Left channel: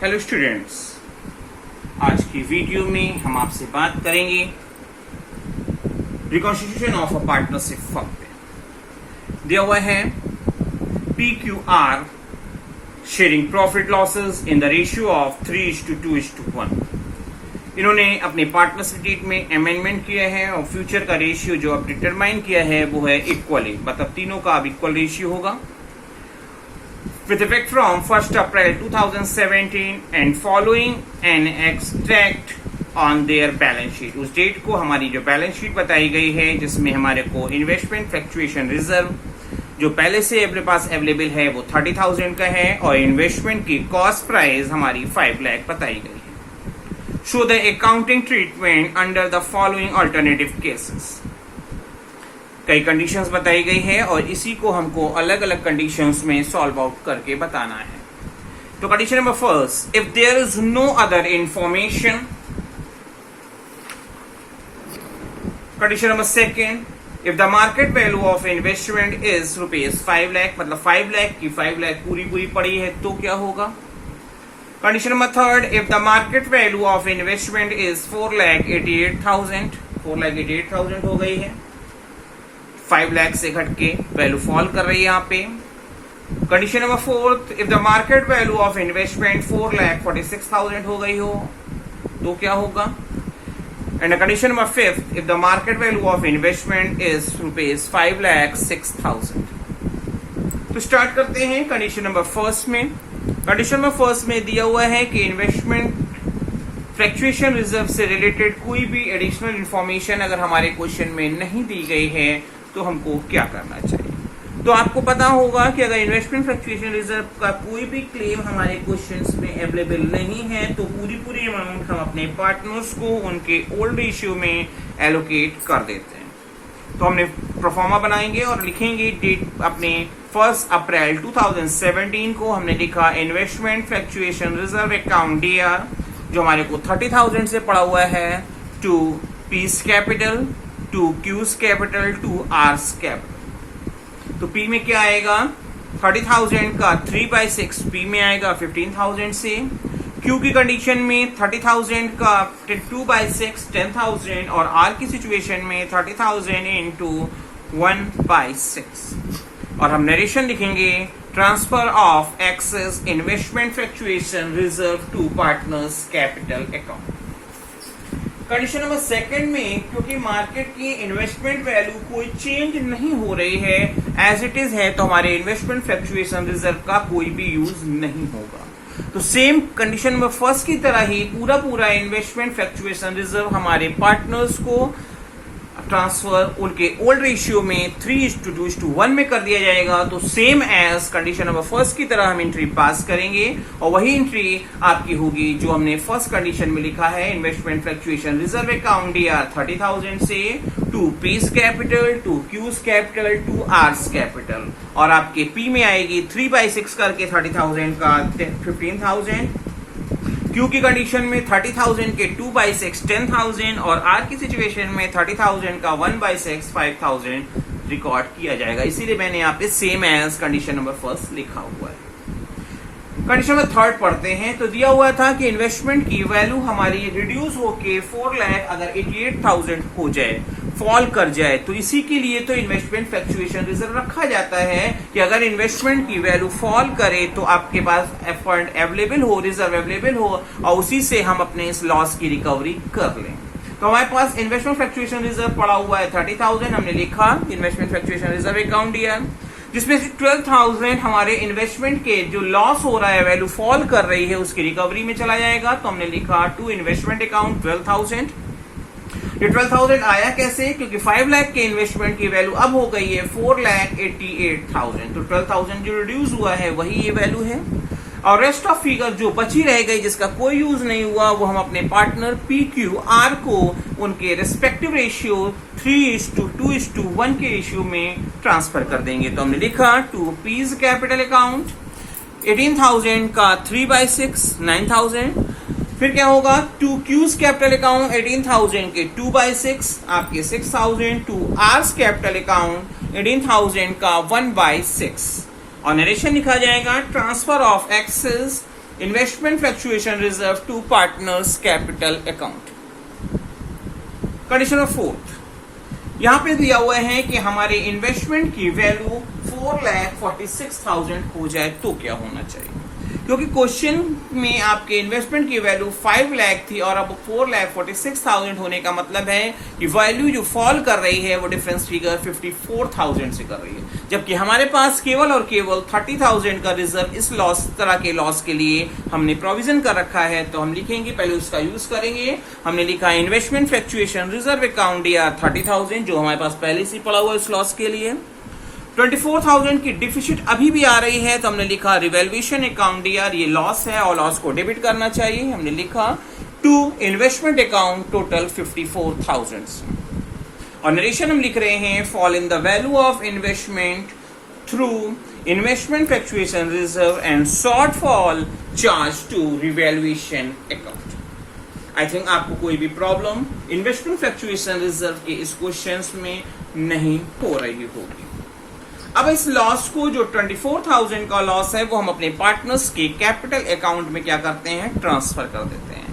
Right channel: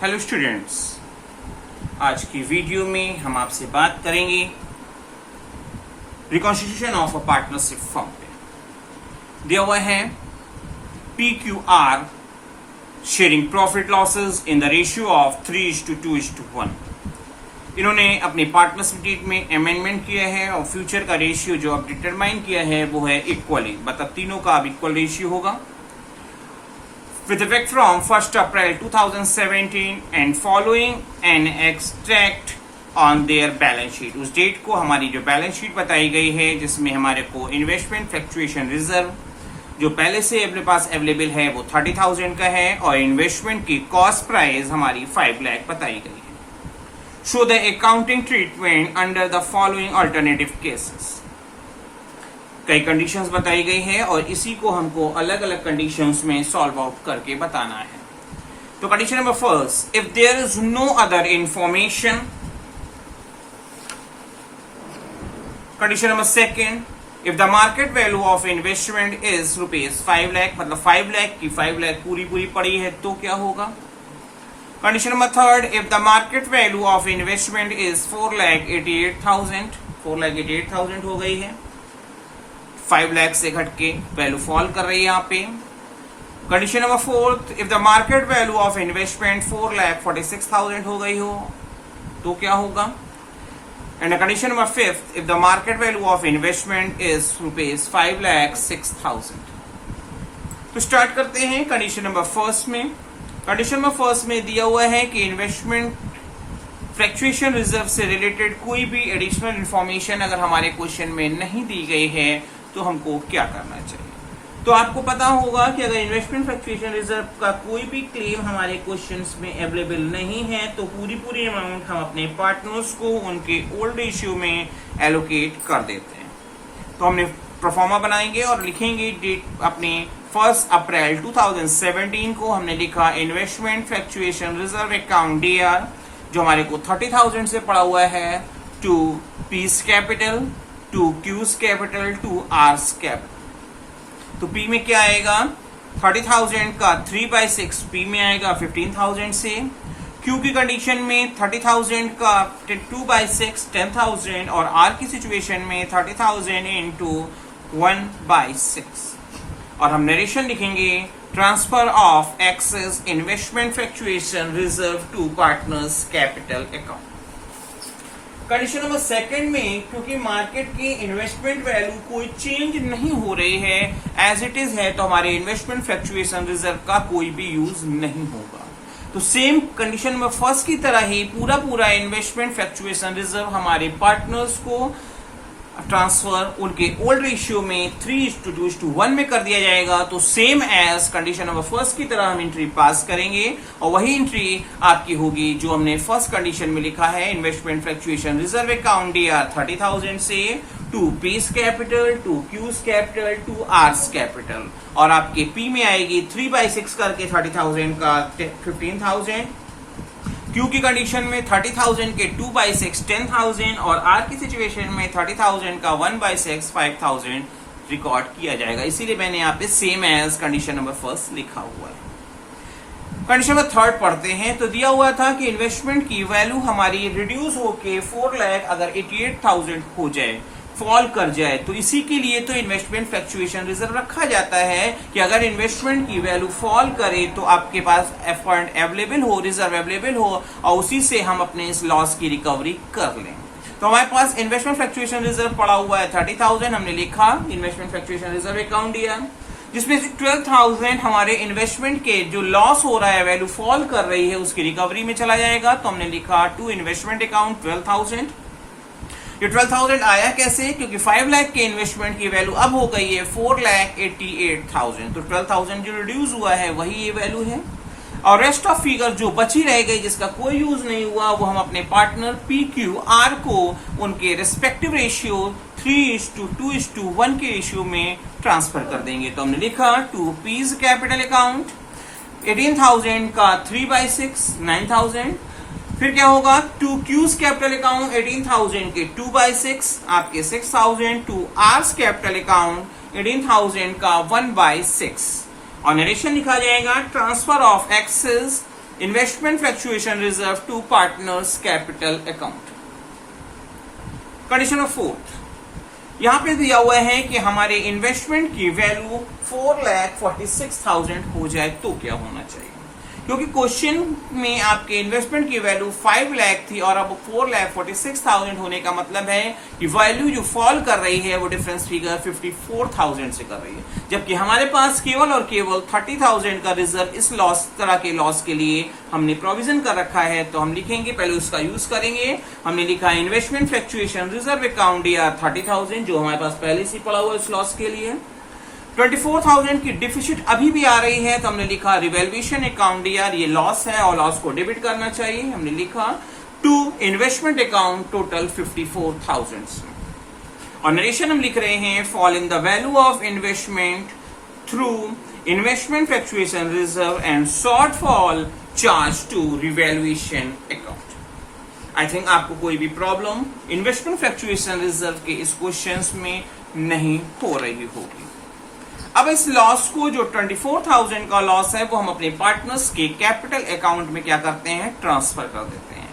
Hello students, आज की video में हम आपसे बात करेंगे reconstitution of a partnership firm पे। दिया हुआ है PQR sharing profit losses in the ratio of 3:2:1। इन्होंने अपने पार्टनरशिप डीड में अमेंडमेंट किया है और फ्यूचर का रेशियो जो अब डिटरमाइन किया है वो है इक्वली, मतलब तीनों का अब इक्वल रेशियो होगा। With effect from 1st April 2017 and following an extract on their balance sheet। उस डेट को हमारी जो बैलेंस शीट बताई गई है जिसमें हमारे को इन्वेस्टमेंट फ्लक्चुएशन रिजर्व जो पहले से अपने पास अवेलेबल है वो 30,000 का है और इन्वेस्टमेंट की कॉस्ट प्राइस हमारी 5 लाख बताई गई है। Show the accounting treatment under the following alternative cases. कई कंडीशंस बताई गई है और इसी को हमको अलग अलग कंडीशंस में सॉल्व आउट करके बताना है। तो condition number first, if there is no other information. Condition number second, if the market value of investment is ₹5 lakh, मतलब 5 लाख की 5 लाख पूरी पड़ी है तो क्या होगा। Condition number third, if the market value of investment is 4,88,000, 4,88,000 हो गई है, 5 लाख से घट के वैल्यू फॉल कर रही है यहाँ पे। Condition number fourth, if the market value of investment 4,46,000 हो गई हो तो क्या होगा। And condition number fifth, if the market value of investment is ₹5,06,000। तो स्टार्ट करते हैं कंडीशन नंबर फर्स्ट में। कंडीशन नंबर फर्स्ट में दिया हुआ है कि इन्वेस्टमेंट फ्लक्चुएशन रिजर्व से रिलेटेड कोई भी एडिशनल इंफॉर्मेशन अगर हमारे क्वेश्चन में नहीं दी गई है तो हमको क्या करना चाहिए। तो आपको पता होगा कि अगर इन्वेस्टमेंट फ्लक्चुएशन रिजर्व का कोई भी क्लेम हमारे क्वेश्चंस में अवेलेबल नहीं है तो पूरी अमाउंट हम अपने पार्टनर्स को उनके ओल्ड रेशियो में एलोकेट कर देते हैं। तो हमने प्रोफार्मा बनाएंगे और लिखेंगे डेट अपने 1 अप्रैल 2017 को हमने लिखा investment fluctuation reserve account DR जो हमारे को 30,000 से पड़ा हुआ है to P's capital, to Q's capital, to R's capital. तो पी में क्या आएगा, 30,000 का 3/6 पी में आएगा 15,000 से। क्यू की कंडीशन में 30,000 का 2/6 10,000 और आर की सिचुएशन में 30,000 इंटू 1/6। और हम नरेशन लिखेंगे transfer of excess investment fluctuation reserve to partners capital account. Condition number second में क्योंकि मार्केट की इन्वेस्टमेंट वैल्यू कोई चेंज नहीं हो रही है, एज इट इज है, तो हमारे इन्वेस्टमेंट फ्लक्चुएशन रिजर्व का कोई भी यूज नहीं होगा। तो सेम कंडीशन नंबर फर्स्ट की तरह ही पूरा इन्वेस्टमेंट फ्लक्चुएशन रिजर्व हमारे पार्टनर्स को ट्रांसफर उनके ओल्ड रेशियो में 3:2:1 में कर दिया जाएगा। तो same as condition number first की तरह हम एंट्री पास करेंगे और वही एंट्री आपकी होगी जो हमने फर्स्ट कंडीशन में लिखा है, investment fluctuation reserve account DR 30,000 से to P's capital, to Q's capital, to R's capital. और आपके पी में आएगी 3/6 करके 30,000 का 15,000। क्यू की कंडीशन में 30,000 के 2/6 10,000 और आर की सिचुएशन में 30,000 का 1/6 5,000 रिकॉर्ड किया जाएगा। इसीलिए मैंने यहाँ पे same as condition number first लिखा हुआ है। कंडीशन नंबर थर्ड पढ़ते हैं। तो दिया हुआ था कि इन्वेस्टमेंट की वैल्यू हमारी रिड्यूस होके 4 लाख अगर 88,000 हो जाए, फॉल कर जाए, तो इसी के लिए तो इन्वेस्टमेंट फ्लक्चुएशन रिजर्व रखा जाता है कि अगर इन्वेस्टमेंट की वैल्यू फॉल करे तो आपके पास फंड अवेलेबल हो, रिजर्व अवेलेबल हो और उसी से हम अपने इस लॉस की रिकवरी कर लें। तो हमारे पास इन्वेस्टमेंट फ्लक्चुएशन रिजर्व पड़ा हुआ है 30,000, हमने लिखा investment fluctuation reserve account DR, जिसमें से 12,000 हमारे इन्वेस्टमेंट के जो लॉस हो रहा है, वैल्यू फॉल कर रही है, उसकी रिकवरी में चला जाएगा। तो हमने लिखा टू इन्वेस्टमेंट अकाउंट 12,000। ये 12,000 आया कैसे, क्योंकि 5 लाख के इन्वेस्टमेंट की वैल्यू अब हो गई है 4,88,000। तो 12,000 जो रिड्यूस हुआ है वही ये वैल्यू है और रेस्ट ऑफ फिगर जो बची रह गई जिसका कोई यूज नहीं हुआ वो हम अपने पार्टनर PQR को उनके रिस्पेक्टिव रेशियो 3:2:1 के रेशियो में ट्रांसफर कर देंगे। तो हमने लिखा टू पीस कैपिटल अकाउंट 18,000 का 3/6 9,000। फिर क्या होगा, टू क्यूज कैपिटल अकाउंट 18,000 के 2/6 आपके 6,000, टू आर्स कैपिटल अकाउंट 18,000 का 1/6 और नरेशन लिखा जाएगा transfer of excess investment fluctuation reserve to partners capital account. Condition number 4, यहां पे दिया हुआ है कि हमारे इन्वेस्टमेंट की वैल्यू 4,46,000 हो जाए तो क्या होना चाहिए, क्योंकि क्वेश्चन में आपके इन्वेस्टमेंट की वैल्यू 5 लाख थी और अब 4,46,000 होने का मतलब है कि वैल्यू जो फॉल कर रही है वो डिफरेंस फिगर 54,000 से कर रही है, जबकि हमारे पास केवल और केवल 30,000 का रिजर्व इस लॉस तरह के लॉस के लिए हमने प्रोविजन कर रखा है। तो हम लिखेंगे, पहले उसका यूज करेंगे। हमने लिखा इन्वेस्टमेंट फ्लक्चुएशन रिजर्व अकाउंट या 30,000 जो हमारे पास पहले से पड़ा हुआ इस लॉस के लिए। 24,000 की डिफिसिट अभी भी आ रही है तो हमने लिखा रिवैल्यूएशन अकाउंट यार ये लॉस है और लॉस को डेबिट करना चाहिए। हमने लिखा टू इन्वेस्टमेंट अकाउंट टोटल 54,000 और नरेशन हम लिख रहे हैं fall in the value of investment through investment fluctuation reserve and shortfall charge to revaluation account. I think आपको कोई भी प्रॉब्लम इन्वेस्टमेंट फ्लक्चुएशन रिजर्व के इस क्वेश्चन में नहीं हो रही होगी। अब इस लॉस को जो 24,000 का लॉस है वो हम अपने पार्टनर्स के कैपिटल अकाउंट में क्या करते हैं, ट्रांसफर कर देते हैं।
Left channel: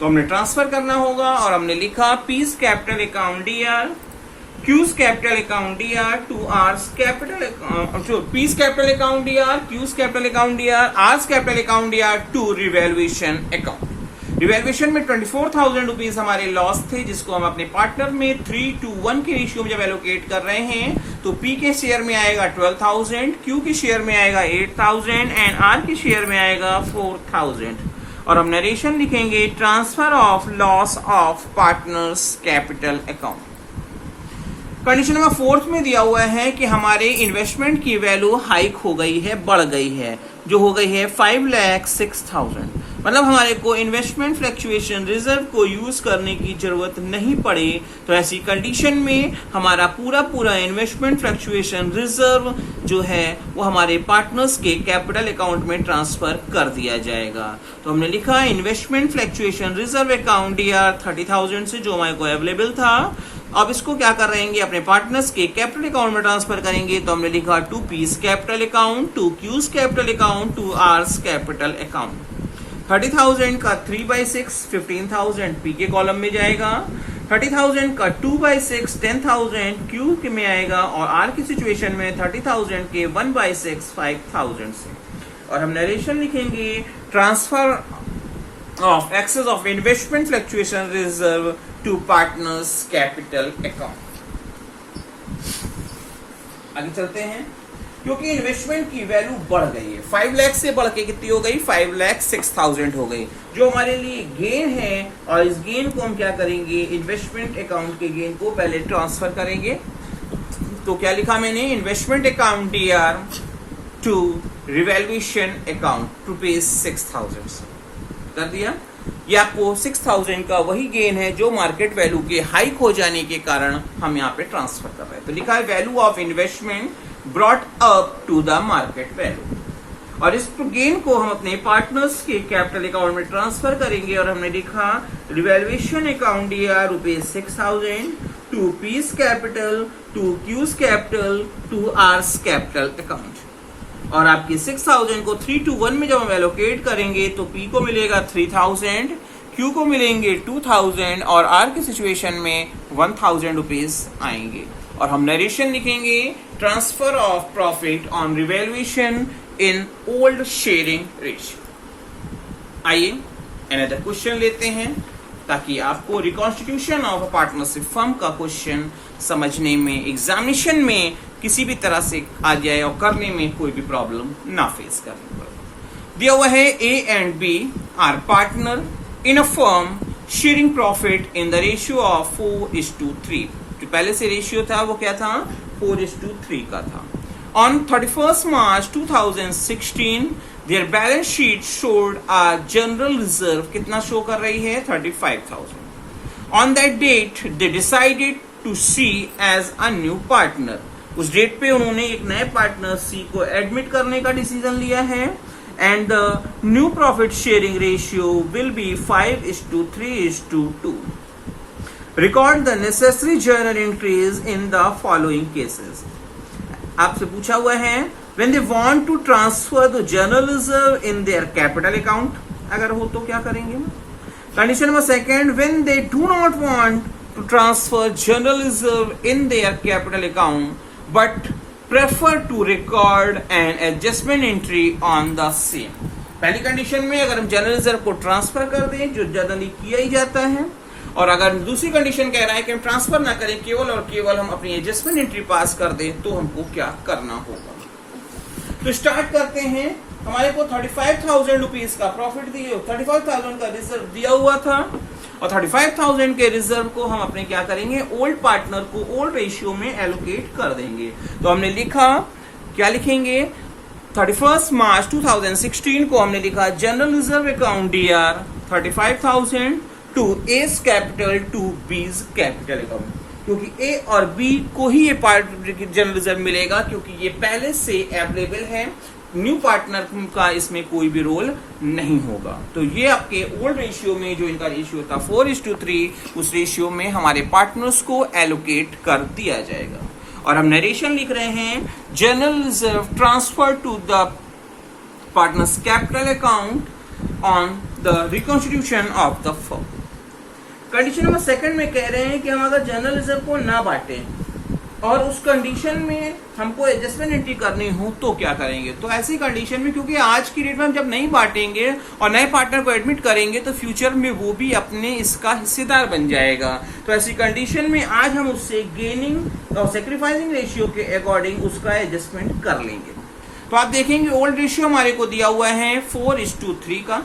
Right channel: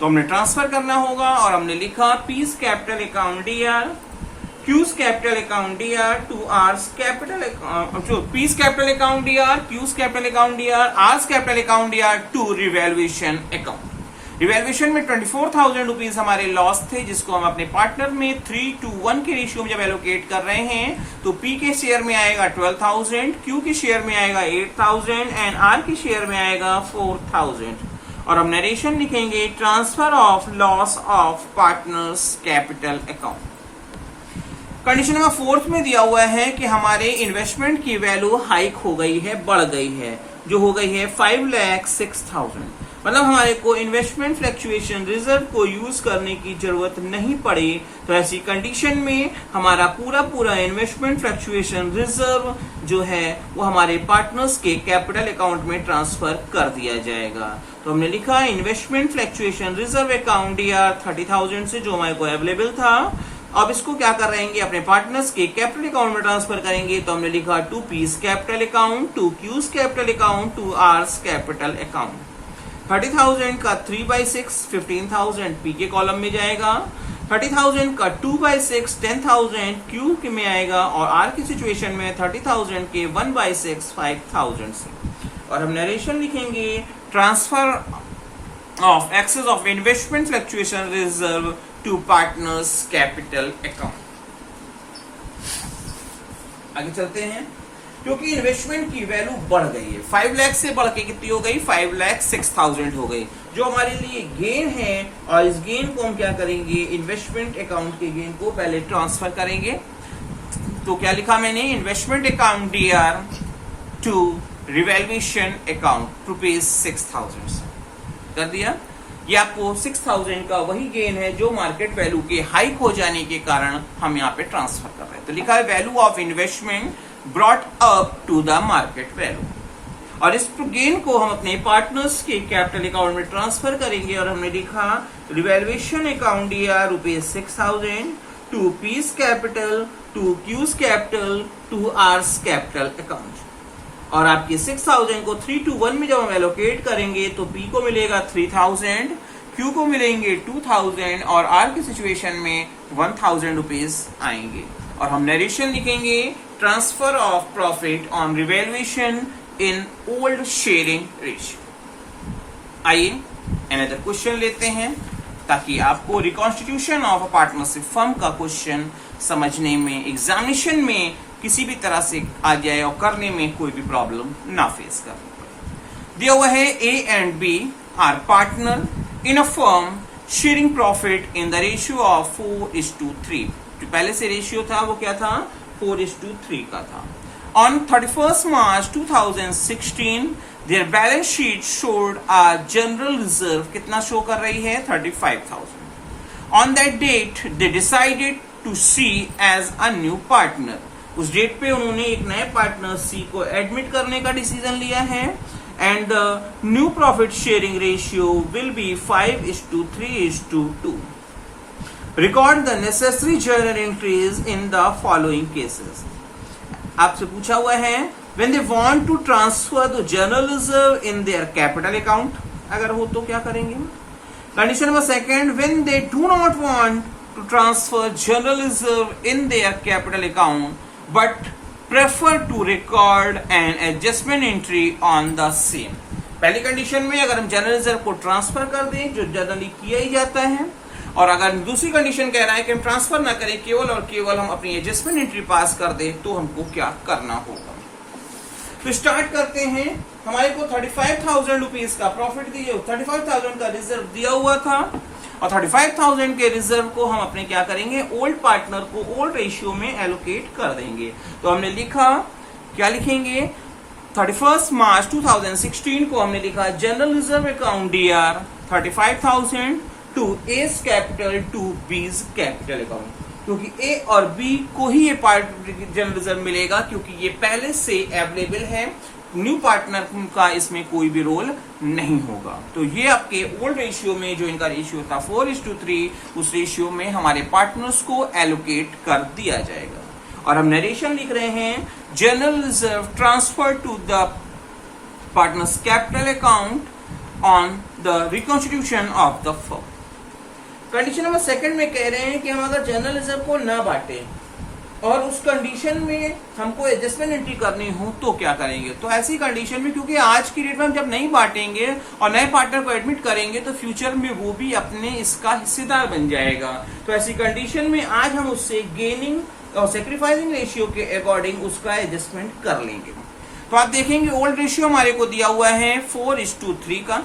तो हमने ट्रांसफर करना होगा और हमने लिखा P's capital account DR, Q's capital account DR to R's capital, P's capital account DR, Q's capital account DR, R's capital account DR to revaluation account. Revaluation में 24,000 रुपीज हमारे लॉस थे जिसको हम अपने पार्टनर में 3:1 के रेशियो में जब एलोकेट कर रहे हैं तो पी के शेयर में आएगा 12,000, क्यू के शेयर में आएगा 8,000 एंड आर के शेयर में आएगा 4,000 और हम नरेशन लिखेंगे transfer of loss of partners capital account. Condition number 4 में दिया हुआ है कि हमारे इन्वेस्टमेंट की वैल्यू हाइक हो गई है, बढ़ गई है, जो हो गई है 5,06,000। मतलब हमारे को इन्वेस्टमेंट फ्लक्चुएशन रिजर्व को यूज करने की जरूरत नहीं पड़े तो ऐसी कंडीशन में हमारा पूरा इन्वेस्टमेंट फ्लक्चुएशन रिजर्व जो है वो हमारे पार्टनर्स के कैपिटल अकाउंट में ट्रांसफर कर दिया जाएगा। तो हमने लिखा investment fluctuation reserve account D R 30,000 से जो हमारे को अवेलेबल था, अब इसको क्या कर रहेंगे अपने पार्टनर्स के कैपिटल अकाउंट में ट्रांसफर करेंगे। तो हमने लिखा to P's capital account, to Q's capital account, to R's capital account. 30,000 का 3/6 15,000 पी के कॉलम में जाएगा, 30,000 का 2/6 10,000 क्यू के में आएगा और आर की सिचुएशन में 30,000 के 1/6 5,000 से। और हम नरेशन लिखेंगे transfer of excess of investment fluctuation reserve to partners capital account. आगे चलते हैं। क्योंकि इन्वेस्टमेंट की वैल्यू बढ़ गई है, 5 लाख से बढ़ के कितनी हो गई, 5,06,000 हो गई, जो हमारे लिए गेन है और इस गेन को हम क्या करेंगे, इन्वेस्टमेंट अकाउंट के गेन को पहले ट्रांसफर करेंगे। तो क्या लिखा मैंने, investment account DR to revaluation account ₹6,000 कर दिया। ये आपको 6,000 का वही गेन है जो मार्केट वैल्यू के हाइक हो जाने के कारण हम यहाँ पे ट्रांसफर कर रहे हैं। तो लिखा है value of investment brought up to the market value और इस गेन को हम अपने पार्टनर्स के कैपिटल अकाउंट में ट्रांसफर करेंगे और हमने लिखा revaluation account DR ₹6,000 to P's capital, to Q's capital, to R's capital account. और आपके 6,000 को 3:1 में जब हम एलोकेट करेंगे तो पी को मिलेगा 3,000, क्यू को मिलेंगे 2,000 और आर की सिचुएशन में 1,000 रुपीज आएंगे। और हम नरेशन लिखेंगे transfer of profit on revaluation in old sharing ratio. आइए अनदर क्वेश्चन लेते हैं ताकि आपको reconstitution of a partnership firm का क्वेश्चन समझने में एग्जामिनेशन में किसी भी तरह से आ गया और करने में कोई भी प्रॉब्लम ना फेस करनी पड़े। दिया हुआ है A and B are partner in a firm sharing profit in the ratio of 4:3। जो पहले से रेशियो था वो क्या था, 4:3 का था। On 31st March 2016 their balance sheet showed a general reserve कितना शो कर रही है, 35,000। On that date they decided to see as a new partner. उस डेट पे उन्होंने एक नए पार्टनर सी को एडमिट करने का डिसीजन लिया है and the new profit sharing ratio will be 5:3:2। Record the necessary journal entries in the following cases. आपसे पूछा हुआ है when they want to transfer the general reserve in their capital account, अगर हो तो क्या करेंगे। Condition number second, when they do not want to transfer general reserve in their capital account but prefer to record an adjustment entry on the same. पहली कंडीशन में अगर हम जनरल रिजर्व को ट्रांसफर कर दें, जो जनरली किया ही जाता है, और अगर दूसरी कंडीशन कह रहा है कि हम ट्रांसफर ना करें, केवल और केवल हम अपनी एडजस्टमेंट एंट्री पास कर दें, तो हमको क्या करना होगा। तो स्टार्ट करते हैं। हमारे को 35,000 रुपीज का प्रॉफिट दिए, 35,000 का रिजर्व दिया हुआ था, और 35,000 के रिजर्व को हम अपने क्या करेंगे, ओल्ड पार्टनर को ओल्ड रेशियो में एलोकेट कर देंगे। तो हमने लिखा, क्या लिखेंगे, 31 मार्च 2016 को हमने लिखा general reserve account DR 35,000 to A's capital to B's capital account, क्योंकि ए और बी को ही ये पार्ट जनरल रिजर्व मिलेगा, क्योंकि ये पहले से अवेलेबल है, न्यू पार्टनर का इसमें कोई भी रोल नहीं होगा। तो ये आपके ओल्ड रेशियो में जो इनका रेशियो था 4:3, उस रेशियो में हमारे पार्टनर्स को एलोकेट कर दिया जाएगा। और हम नरेशन लिख रहे हैं, general reserve transfer to the partners capital account on the reconstitution of the firm. Condition number second में कह रहे हैं कि हम अगर जनरल रिजर्व को ना बांटे और उस कंडीशन में हमको एडजस्टमेंट एंट्री करनी हो तो क्या करेंगे। तो ऐसी कंडीशन में, क्योंकि आज की डेट में हम जब नहीं बांटेंगे और नए पार्टनर को एडमिट करेंगे तो फ्यूचर में वो भी अपने इसका हिस्सेदार बन जाएगा। तो ऐसी कंडीशन में आज हम उससे गेनिंग और सेक्रीफाइसिंग रेशियो के अकॉर्डिंग उसका एडजस्टमेंट कर लेंगे। तो आप देखेंगे ओल्ड रेशियो हमारे को दिया हुआ है 4:3 का।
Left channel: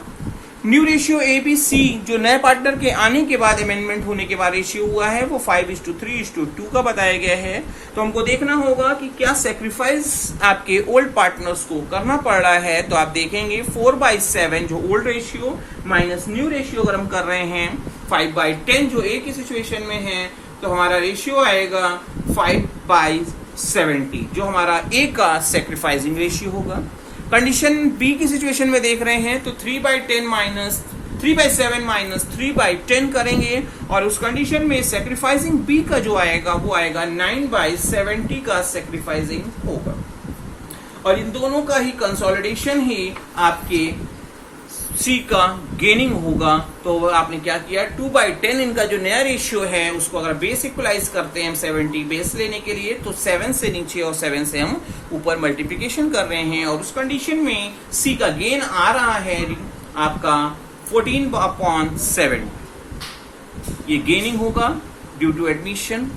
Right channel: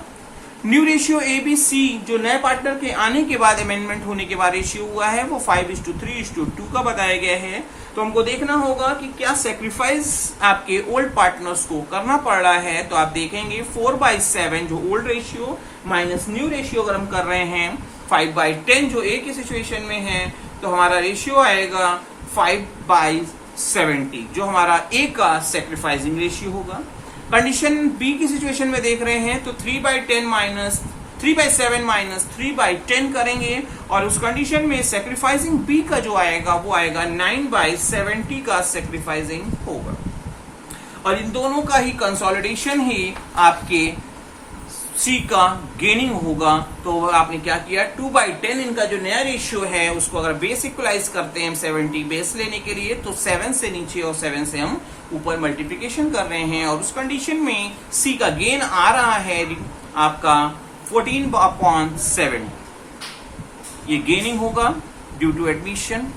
न्यू रेशियो ABC जो नए पार्टनर के आने के बाद अमेंडमेंट होने के बाद रेशियो हुआ है वो 5:3:2 का बताया गया है। तो हमको देखना होगा कि क्या सेक्रीफाइस आपके ओल्ड पार्टनर्स को करना पड़ रहा है। तो आप देखेंगे 4/7 जो old ratio minus new ratio अगर हम कर रहे हैं 5/10 जो ए की सिचुएशन में है, तो हमारा रेशियो आएगा 5/70 जो हमारा ए का सेक्रीफाइसिंग रेशियो होगा। कंडीशन बी की सिचुएशन में देख रहे हैं तो 3/7 माइनस 3/10 करेंगे, और उस कंडीशन में सेक्रीफाइसिंग बी का जो आएगा वो आएगा 9/70 का सेक्रीफाइसिंग होगा। और इन दोनों का ही कंसोलिडेशन ही आपके सी का गेनिंग होगा। तो आपने क्या किया, 2/10 इनका जो नया रेशियो है उसको अगर बेस इक्वलाइज करते हैं हम 70 बेस लेने के लिए, तो 7 से नीचे और 7 से हम ऊपर मल्टीप्लिकेशन कर रहे हैं, और उस कंडीशन में सी का गेन आ रहा है आपका 14/7। ये गेनिंग होगा ड्यू टू एडमिशन।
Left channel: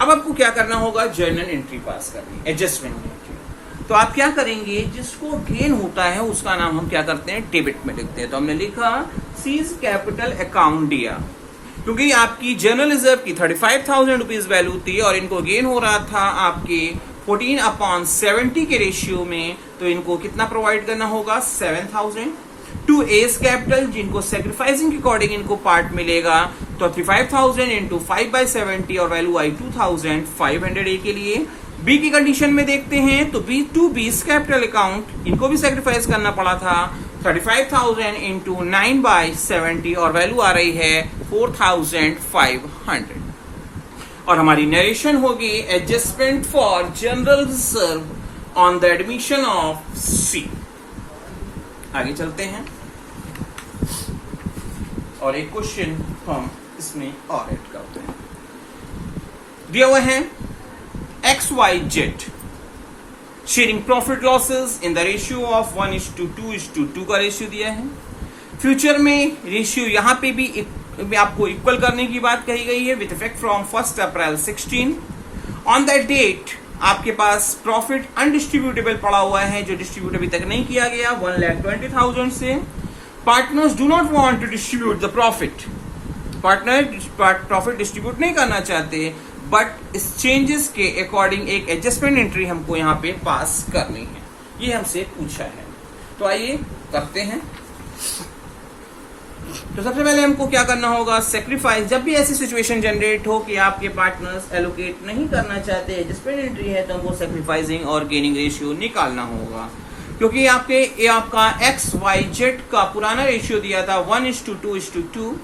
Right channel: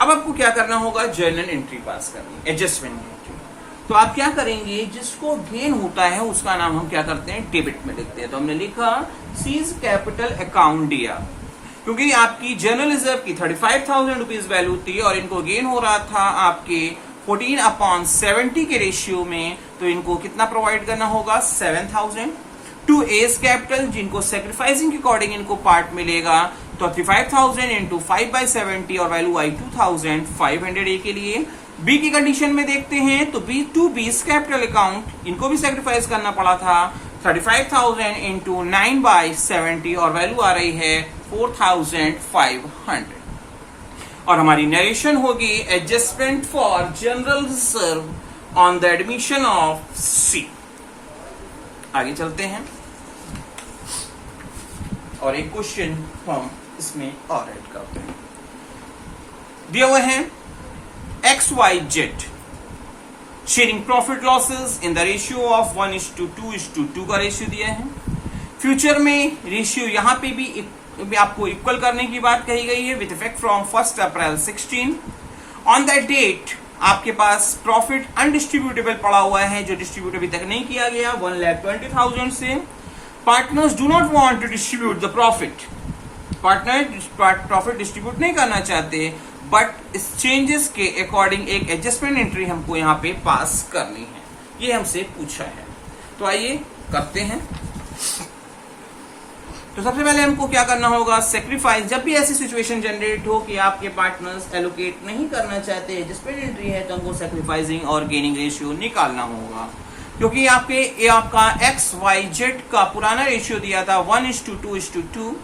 अब आपको क्या करना होगा, जर्नल एंट्री पास करनी, एडजस्टमेंट एंट्री। तो आप क्या करेंगे, जिसको गेन होता है उसका नाम हम क्या करते हैं, डेबिट में लिखते हैं। तो हमने लिखा सीज कैपिटल अकाउंट डीआर, क्योंकि आपकी जनरल रिजर्व की 35,000 रुपीज वैल्यू थी और इनको गेन हो रहा था आपके 14/70 के रेशियो में, तो इनको कितना प्रोवाइड करना होगा, 7,000 टू एस कैपिटल, जिनको सेक्रीफाइसिंग के अकॉर्डिंग इनको पार्ट मिलेगा, तो 35,000 इंटू 5/70 और वैल्यू आई 2,500 ए के लिए। बी की कंडीशन में देखते हैं तो B to B's capital account, इनको भी सेक्रीफाइस करना पड़ा था, 35,000 इंटू 9/70 और वैल्यू आ रही है 4,500। और हमारी नरेशन होगी adjustment for general reserve on the admission of C. आगे चलते हैं और एक क्वेश्चन हम इसमें और ऐड करते हैं। दिया हुआ है XYZ sharing profit losses in the ratio of 1:2:2 का रेशियो दिया है। फ्यूचर में रेशियो यहां पे भी आपको इक्वल करने की बात कही गई है with effect from 1 April 16। On that date आपके पास प्रॉफिट अनडिस्ट्रीब्यूटेबल पड़ा हुआ है जो डिस्ट्रीब्यूट अभी तक नहीं किया गया 1,20,000 से। Partners do not want to distribute the profit, partner profit distribute नहीं करना चाहते, बट इस चेंजेस के अकॉर्डिंग एक एडजस्टमेंट एंट्री हमको यहाँ पे पास करनी है, ये हमसे पूछा है। तो आइए करते हैं। तो सबसे पहले हमको क्या करना होगा, सेक्रीफाइस। जब भी ऐसी सिचुएशन जनरेट हो कि आपके पार्टनर्स एलोकेट नहीं करना चाहते, एडजस्टमेंट एंट्री है, तो हमको सेक्रीफाइसिंग और गेनिंग रेशियो निकालना होगा, क्योंकि आपका XYZ का पुराना रेशियो दिया था 1:2:2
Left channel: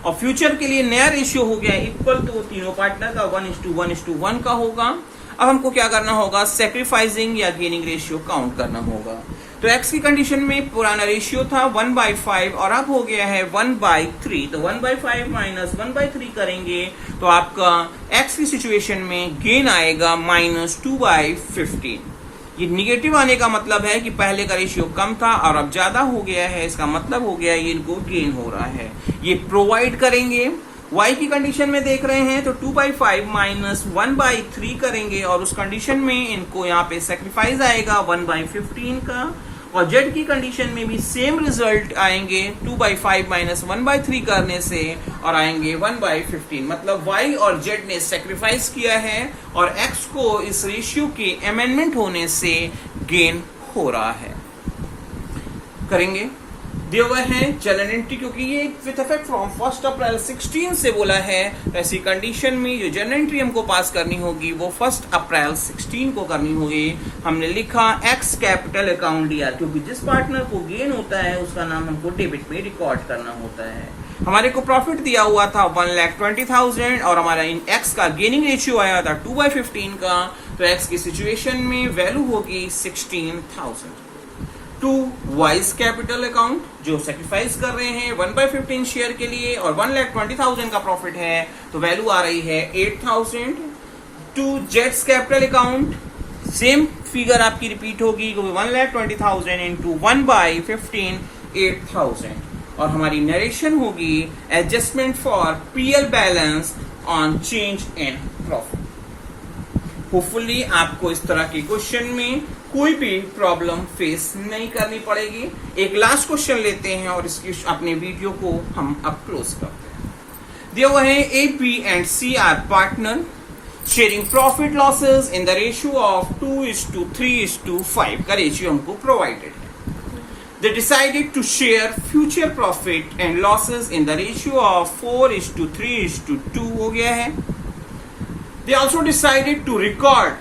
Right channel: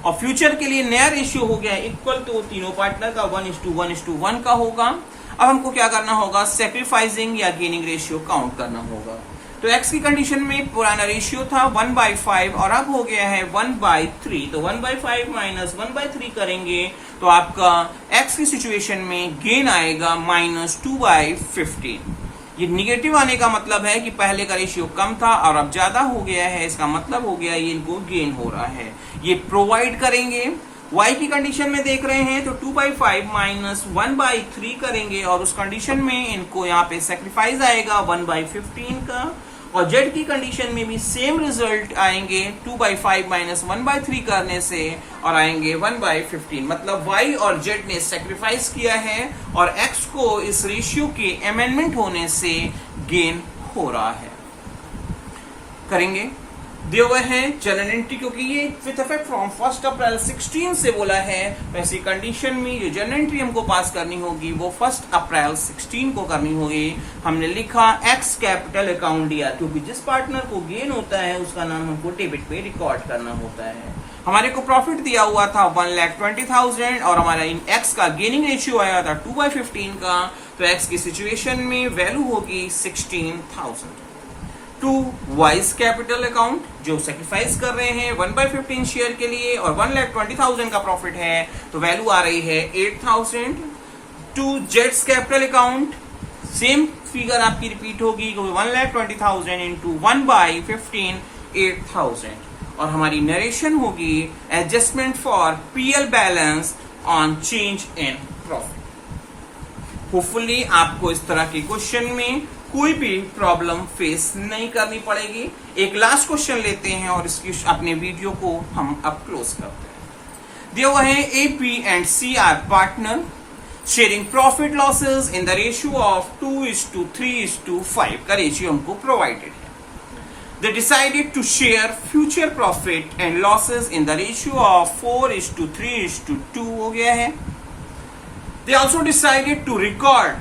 और फ्यूचर के लिए नया रेशियो हो गया इक्वल, तो तीनों पार्टनर का 1:1:1 का होगा। अब हमको क्या करना होगा, सेक्रीफाइसिंग या गेनिंग रेशियो काउंट करना होगा। तो x की कंडीशन में पुराना रेशियो था 1/5 और अब हो गया है 1/3। तो 1/5 माइनस 1/3 करेंगे तो आपका x की सिचुएशन में गेन आएगा -2/15। ये निगेटिव आने का मतलब है कि पहले का रेशियो कम था और अब ज्यादा हो गया है, इसका मतलब हो गया है ये इनको गेन हो रहा है। ये प्रोवाइड करेंगे। y की कंडीशन में देख रहे हैं तो 2/5 माइनस 1/3 करेंगे और उस कंडीशन में इनको यहाँ पे सेक्रीफाइस आएगा 1/15 का। और z की कंडीशन में भी सेम रिजल्ट आएंगे 2/5 माइनस 1/3 करने से और आएंगे 1/15। मतलब y और z ने सेक्रीफाइस किया है और x को इस रेशियो के अमेंडमेंट होने से गेन हो रहा है। करेंगे दिए हुए हैं जनरल एंट्री, क्योंकि ये विथ इफेक्ट फ्रॉम 1 अप्रैल 16 से बोला है, तो ऐसी कंडीशन में जो जनरल एंट्री हमको पास करनी होगी वो 1 अप्रैल 16 को करनी होगी। हमने लिखा एक्स कैपिटल अकाउंट दिया, क्योंकि जिस पार्टनर को गेन होता है उसका नाम हमको डेबिट पे रिकॉर्ड करना होता है। हमारे को प्रॉफिट दिया हुआ था 1,20,000 और हमारा इन एक्स का गेनिंग रेशियो आया था 2/15 का। तो एक्स की सिचुएशन में वैल्यू होगी 16,000। टू वाइज कैपिटल अकाउंट जो सेक्रीफाइस कर रहे हैं 1/15 शेयर के लिए और 1,20,000 का प्रॉफिट है तो वैल्यू आ रही है 8,000। टू जेट्स कैपिटल अकाउंट सेम फिगर आपकी रिपीट होगी, 1,20,000 इंटू 1/15 8,000। और हमारी नरेशन होगी adjustment for PL balance on change in profit. Hopefully आपको इस तरह के क्वेश्चन में कोई भी प्रॉब्लम फेस नहीं करनी पड़ेगी। एक लास्ट क्वेश्चन लेते हैं और इसकी अपने वीडियो को हम अब क्लोज करते हैं। दिया हुआ है A B and C are partner sharing profit losses in the ratio of 2:3:5 का रेशियो हमको प्रोवाइडेड है। They decided to share future profit and losses in the ratio of 4:3:2 हो गया है। They also decided to record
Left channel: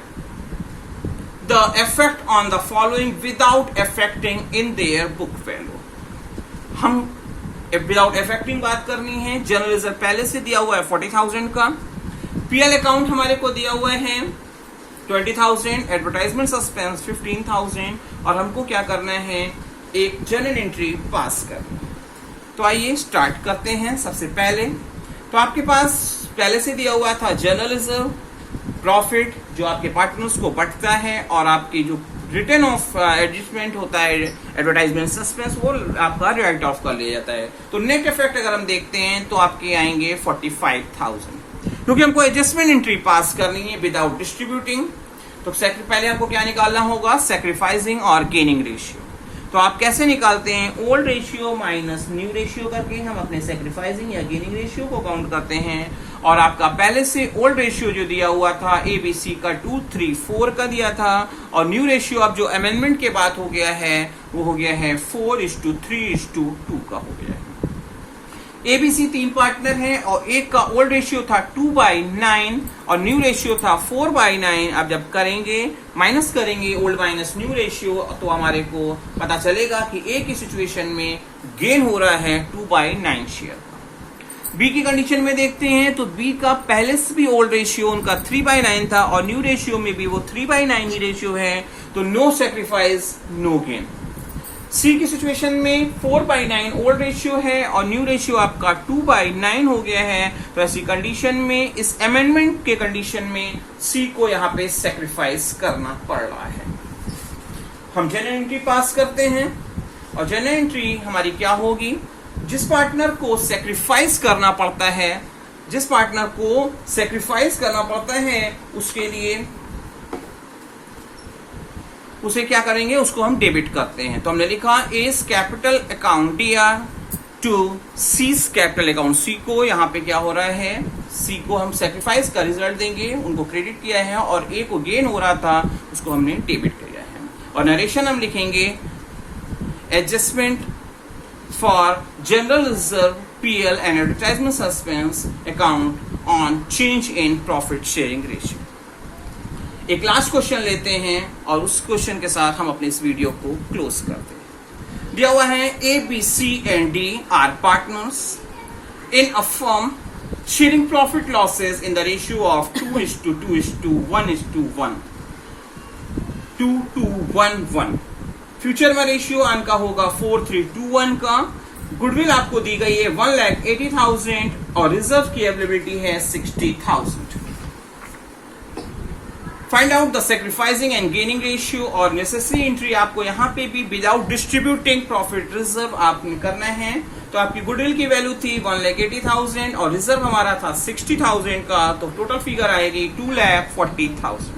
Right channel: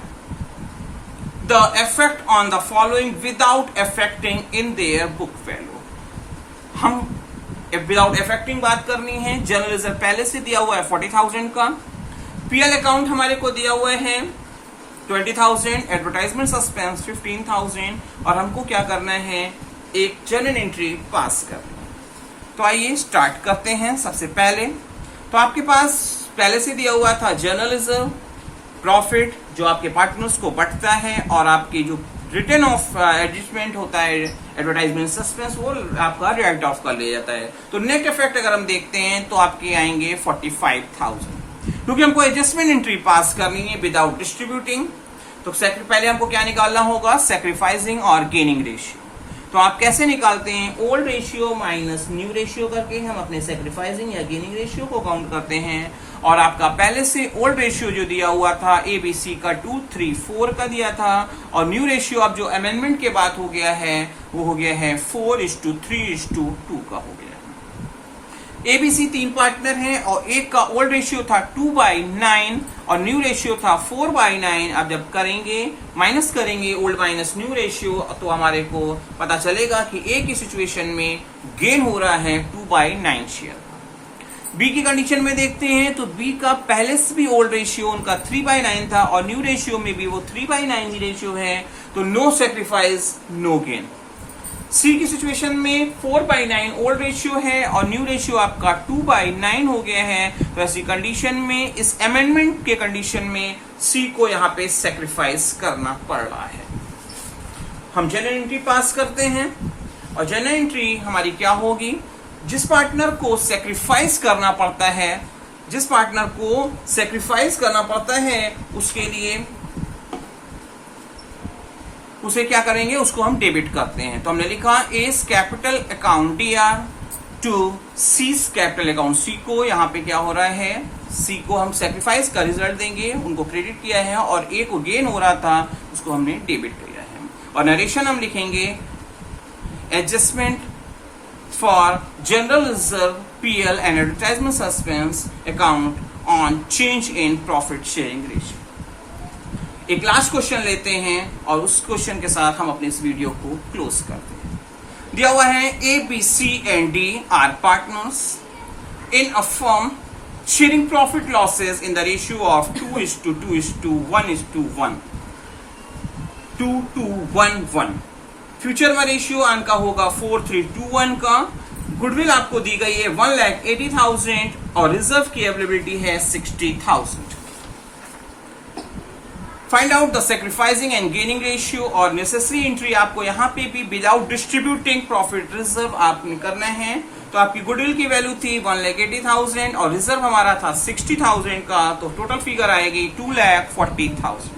the effect on the following without affecting in their book value। हम without affecting बात करनी है। General reserve पहले से दिया हुआ है 40,000 का। पीएल अकाउंट हमारे को दिया हुआ है 20,000, एडवर्टाइजमेंट सस्पेंस 15,000 और हमको क्या करना है, एक जनरल एंट्री पास करनी है। तो आइए स्टार्ट करते हैं। सबसे पहले तो आपके पास पहले से दिया हुआ था जनरल रिजर्व प्रॉफिट जो आपके पार्टनर्स को बंटता है और आपकी जो रिटर्न ऑफ एडजस्टमेंट होता है एडवर्टाइजमेंट सस्पेंस वो आपका राइट ऑफ कर लिया जाता है। तो नेट इफेक्ट अगर हम देखते हैं तो आपके आएंगे 45,000, क्योंकि हमको एडजस्टमेंट एंट्री पास करनी है विदाउट डिस्ट्रीब्यूटिंग। तो पहले हमको क्या निकालना होगा, सेक्रीफाइसिंग और गेनिंग रेशियो। तो आप कैसे निकालते हैं, old ratio minus new ratio करके हम अपने सेक्रीफाइसिंग या गेनिंग रेशियो को काउंट करते हैं। और आपका पहले से ओल्ड रेशियो जो दिया हुआ था एबीसी का 2:3:4 का दिया था और न्यू रेशियो अब जो अमेंडमेंट के बाद हो गया है वो हो गया है 4:3:2 का हो गया है। एबीसी 3 पार्टनर हैं और एक का ओल्ड रेशियो था 2/9 और न्यू रेशियो था 4/9। अब जब करेंगे माइनस करेंगे ओल्ड माइनस न्यू रेशियो तो हमारे को पता चलेगा कि ए की सिचुएशन में गेन हो रहा है 2/9 शेयर। बी की कंडीशन में देखते हैं तो बी का पहले से भी ओल्ड रेशियो उनका 3/9 था और न्यू रेशियो में भी वो 3/9 ही रेशियो है, तो नो सेक्रीफाइस नो गेन। सी की सिचुएशन में 4/9 ओल्ड रेशियो है और न्यू रेशियो आपका 2/9 हो गया है। तो ऐसी कंडीशन में इस अमेंडमेंट के कंडीशन में सी को यहाँ पे सेक्रीफाइस करना पड़ रहा है। हम जनरल एंट्री पास करते हैं और जनरल एंट्री हमारी क्या होगी, जिस पार्टनर को सेक्रीफाइस करना पड़ता है, जिस पार्टनर को सेक्रीफाइस करना पड़ता है उसके लिए उसे क्या करेंगे, उसको हम डेबिट करते हैं। तो हमने लिखा S capital account DR to C capital account. C को यहाँ पे क्या हो रहा है, सी को हम सेक्रीफाइस का रिजल्ट देंगे, उनको क्रेडिट किया है और ए को गेन हो रहा था उसको हमने डेबिट किया है। और नरेशन हम लिखेंगे adjustment for general reserve PL and advertisement suspense account on change in profit sharing ratio. एक लास्ट क्वेश्चन लेते हैं और उस क्वेश्चन के साथ हम अपने इस वीडियो को क्लोज करते हैं। दिया हुआ है A B C and D are partners in a firm sharing profit losses in the ratio of 2:2:1:1 2:1:1। Future में रेशियो का होगा 4:3:1 का। गुडविल आपको दी गई है 1,80,000 और रिजर्व की अवेलेबिलिटी है 60,000। Find out the sacrificing and gaining ratio और नेसेसरी एंट्री आपको यहाँ पे भी विदाउट डिस्ट्रीब्यूटिंग प्रॉफिट रिजर्व आपने करना है। तो आपकी गुडविल की वैल्यू थी 1,80,000 और रिजर्व हमारा था 60,000 का, तो टोटल फिगर आएगी 2,40,000।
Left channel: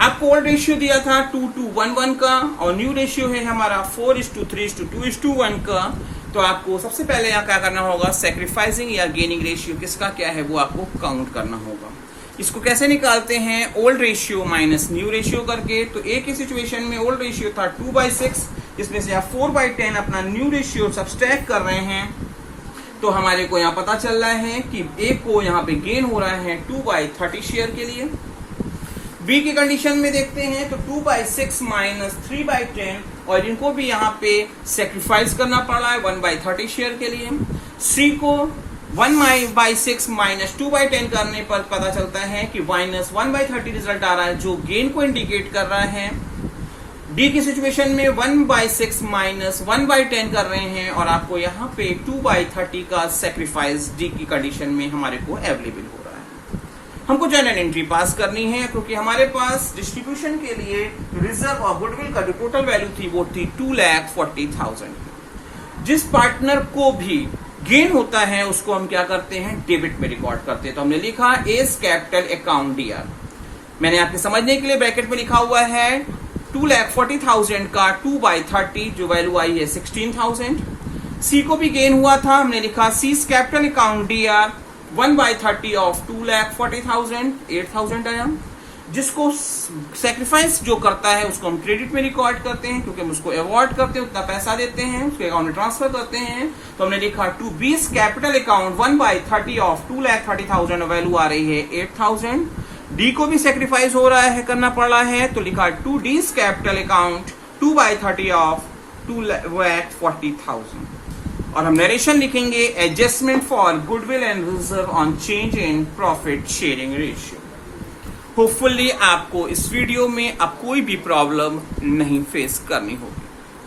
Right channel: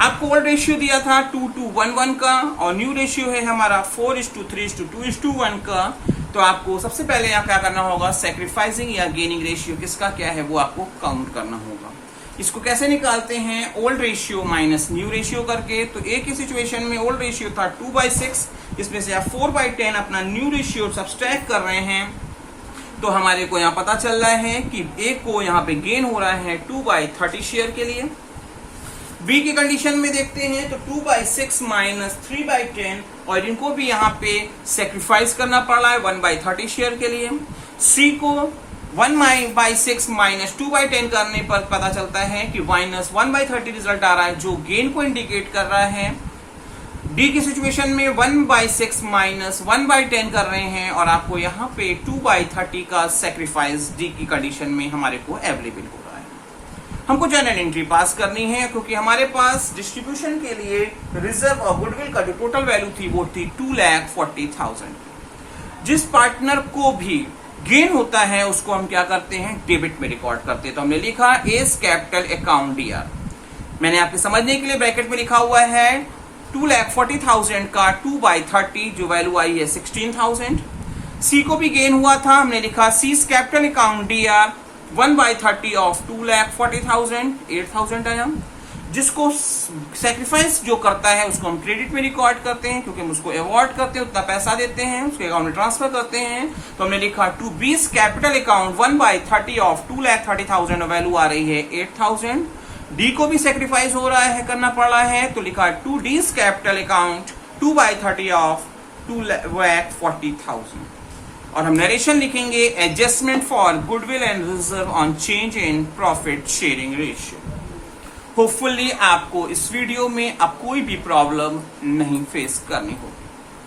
आपको ओल्ड रेशियो दिया था 2:1:1 का और न्यू रेशियो है हमारा 4:3:2:1 का। तो आपको सबसे पहले यहाँ क्या करना होगा, सैक्रिफाइसिंग या गेनिंग रेशियो किसका क्या है वो आपको काउंट करना होगा। इसको कैसे निकालते हैं, old ratio minus new ratio करके। तो एक ही सिचुएशन में ओल्ड रेशियो था 2/6, इसमें से आप 4/10 अपना न्यू रेशियो सब्सट्रैक्ट कर रहे हैं। तो हमारे को यहाँ पता चल रहा है कि ए को यहाँ पे गेन हो रहा है 2/30 शेयर के लिए। बी की कंडीशन में देखते हैं तो 2/6 माइनस 3/10 और इनको भी यहाँ पे सेक्रीफाइस करना पड़ रहा है 1/30 शेयर के लिए। सी को 1/6 माइनस 2/10 करने पर पता चलता है कि माइनस 1/30 रिजल्ट आ रहा है जो गेन को इंडिकेट कर रहा है। डी की सिचुएशन में 1/6 माइनस 1/10 कर रहे हैं और आपको यहाँ पे 2/30 का सेक्रीफाइस डी की कंडीशन में हमारे को अवेलेबल हो रहा है। हमको जनरल एंट्री पास करनी है क्योंकि हमारे पास डिस्ट्रीब्यूशन के लिए रिजर्व और गुडविल का जो टोटल वैल्यू थी वो थी 2,40,000। जिस पार्टनर को भी गेन होता है उसको हम क्या करते हैं, डेबिट में रिकॉर्ड करते हैं। तो हमने लिखा एज कैपिटल अकाउंट डीआर। मैंने आपके समझने के लिए ब्रैकेट में लिखा हुआ है 2,40,000 का 2/30 जो वैल्यू आई है 16,000। सी को भी गेन हुआ था, हमने लिखा seize capital account D R 1/30 of 2,40,000 8,000 आया। जिसको सेक्रीफाइस जो करता है उसको हम क्रेडिट में रिकॉर्ड करते हैं क्योंकि हम उसको अवॉर्ड करते हैं, उतना पैसा देते हैं, उसके अकाउंट में ट्रांसफर करते हैं। तो हमने लिखा to B's capital account 1/30 of 2,30,000 value आ रही है 8,000। डी को भी सेक्रीफाइस हो रहा है, करना पड़ रहा है, तो लिखा to D's capital account 2/30 of 2,40,000। और हम नरेशन लिखेंगे adjustment for goodwill and reserve on change in profit sharing ratio. Hopefully आपको इस वीडियो में अब कोई भी प्रॉब्लम नहीं फेस करनी होगी।